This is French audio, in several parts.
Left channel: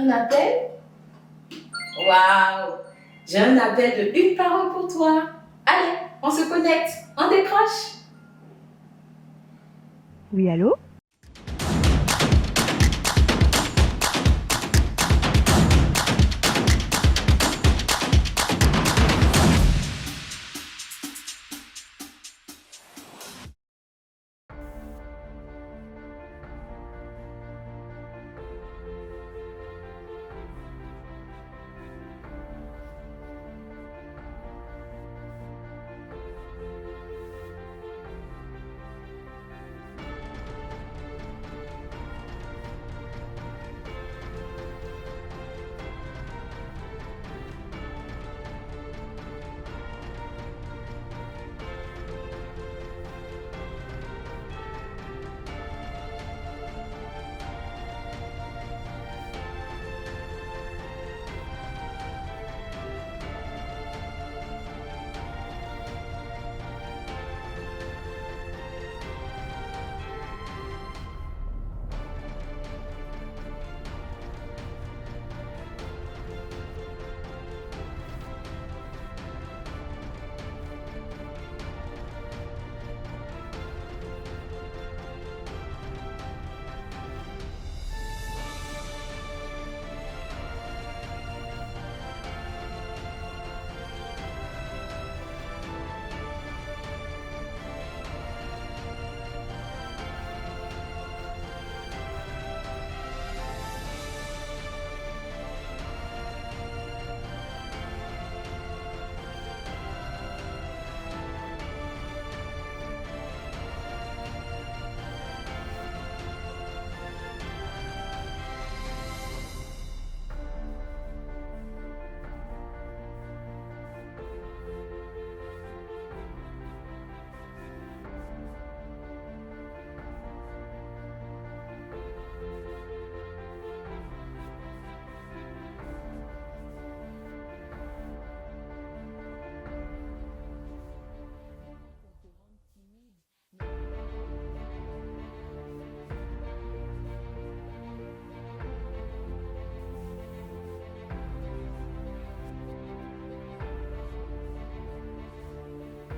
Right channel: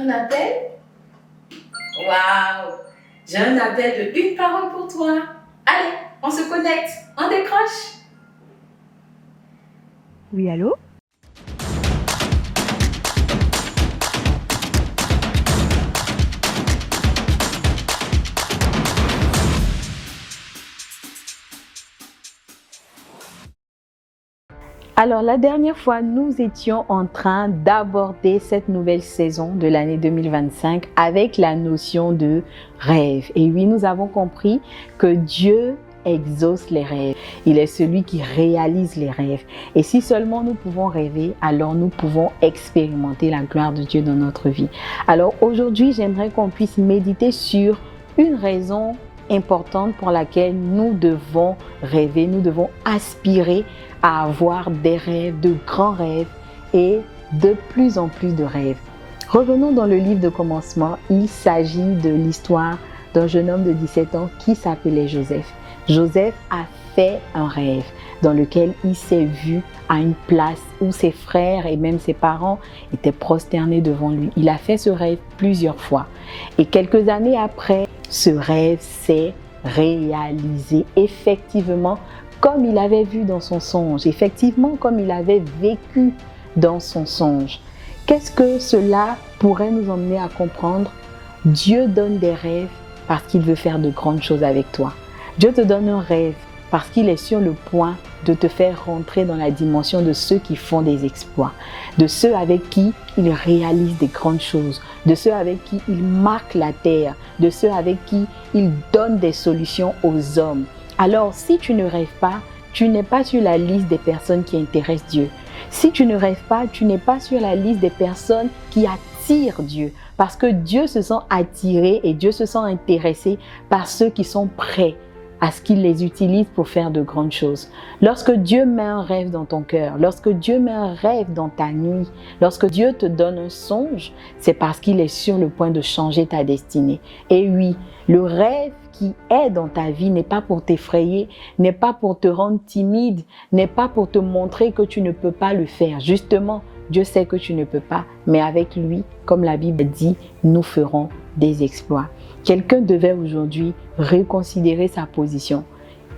Un appel? Waouh! J'ai un appel de une parole pour toi. Allez, on se connecte, on décroche. Oui, allô? Alors, la dernière fois, nous étions en train d'aborder cette nouvelle saison de l'année 2025 avec la notion de rêve. Et oui, nous avons compris que Dieu exauce les rêves. Il est celui qui réalise les rêves. Et si seulement nous pouvons rêver, alors nous pouvons expérimenter la gloire de Dieu dans notre vie. Alors aujourd'hui, j'aimerais qu'on puisse méditer sur une raison importante pour laquelle nous devons rêver, nous devons aspirer à avoir des rêves, de grands rêves et de plus en plus de rêves. Revenons dans le livre de commencement. Il s'agit de l'histoire d'un jeune homme de 17 ans qui s'appelait Joseph. Joseph a fait un rêve dans lequel il s'est vu à une place où ses frères et même ses parents étaient prosternés devant lui. Il a fait ce rêve plusieurs fois. Et quelques années après, ce rêve s'est réalisé effectivement comme il avait vu dans son songe, effectivement comme il avait vécu dans son songe. Qu'est-ce que cela pourrait nous emmener à comprendre? Dieu donne des rêves parce qu'il veut faire de grandes choses avec toi. Dieu te donne un rêve parce qu'il est sur le point de te faire rentrer dans la dimension de ceux qui font des exploits, de ceux avec qui il réalise des grandes choses, de ceux avec qui il marque la terre, de ceux avec qui il donne des solutions aux hommes. Alors, si tu ne rêves pas, tu n'es pas sur la liste des personnes qui intéressent Dieu. Si tu ne rêves pas, tu n'es pas sur la liste des personnes qui attirent Dieu. Parce que Dieu se sent attiré et Dieu se sent intéressé par ceux qui sont prêts à ce qu'il les utilise pour faire de grandes choses. Lorsque Dieu met un rêve dans ton cœur, lorsque Dieu met un rêve dans ta nuit, lorsque Dieu te donne un songe, c'est parce qu'il est sur le point de changer ta destinée. Et oui, le rêve qui est dans ta vie n'est pas pour t'effrayer, n'est pas pour te rendre timide, n'est pas pour te montrer que tu ne peux pas le faire. Justement, Dieu sait que tu ne peux pas, mais avec lui, comme la Bible dit, nous ferons des exploits. Quelqu'un devait aujourd'hui reconsidérer sa position.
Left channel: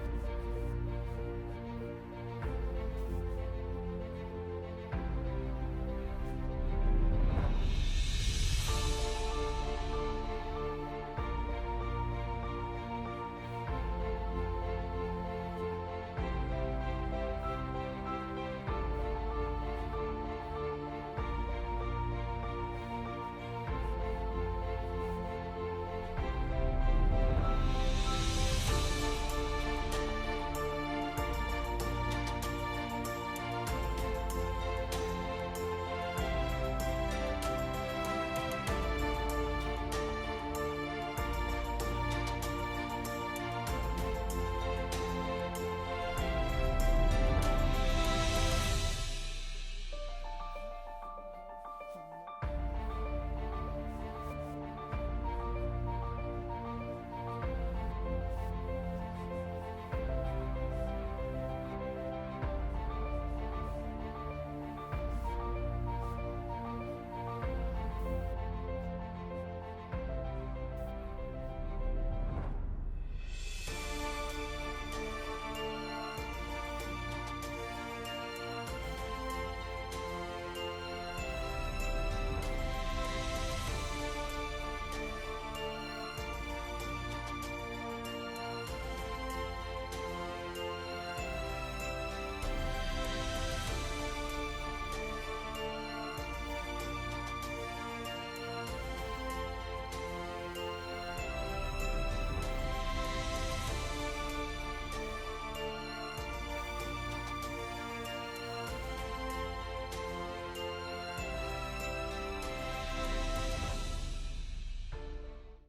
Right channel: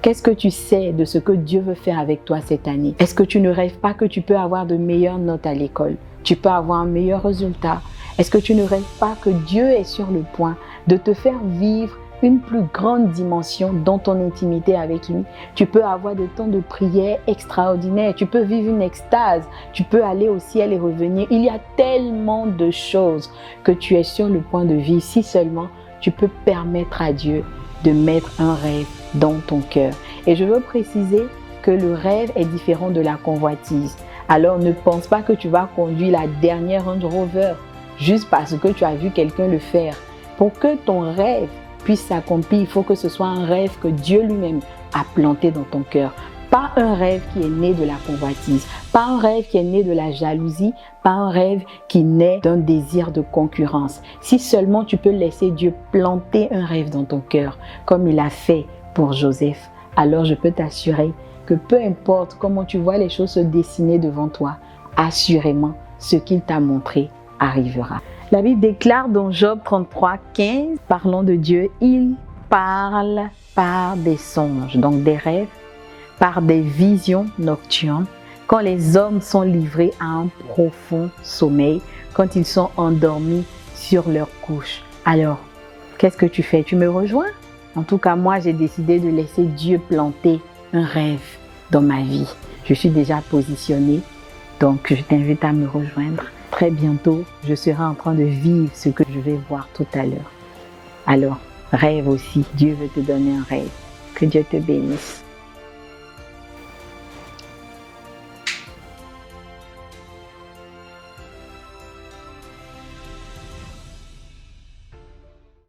Qu'est-ce que tu sais de ce que Dieu veut faire avec toi cette année? Est-ce que tu ne rêves pas que tu peux avoir de meilleures notes à l'école? Tu peux avoir un meilleur résultat? Est-ce que tu ne rêves pas que Dieu est sur le point de te faire vivre une plus grande dimension dans ton intimité avec lui? Tu peux avoir des temps de prière extraordinaires, tu peux vivre une extase, tu peux aller au ciel et revenir. Il y a tellement de choses que tu es sur le point de vivre si seulement tu peux permettre à Dieu de mettre un rêve dans ton cœur. Et je veux préciser que le rêve est différent de la convoitise. Alors ne pense pas que tu vas conduire la dernière Range Rover juste parce que tu as vu quelqu'un le faire. Pour que ton rêve puisse s'accomplir, il faut que ce soit un rêve que Dieu lui-même a planté dans ton cœur. Pas un rêve qui est né de la convoitise, pas un rêve qui est né de la jalousie, pas un rêve qui naît d'un désir de concurrence. Si seulement tu peux laisser Dieu planter un rêve dans ton cœur, comme il a fait pour Joseph, alors je peux t'assurer que peu importe comment tu vois les choses se dessiner devant toi, assurément, ce qu'il t'a montré arrivera. La Bible déclare dans Job 33, 15, parlant de Dieu, il parle par des songes, donc des rêves, par des visions nocturnes, quand les hommes sont livrés à un profond sommeil, quand ils sont endormis sur leur couche. Alors, qu'est-ce que tu fais? Tu me rejoins? En tout cas, moi, j'ai décidé de laisser Dieu planter un rêve dans ma vie. Je suis déjà positionnée, donc je t'invite à me rejoindre. Très bientôt, je serai en train de vivre ce que je vais voir tout à l'heure. Alors, rêve aussi. Dieu veut te donner un rêve. Que Dieu te bénisse.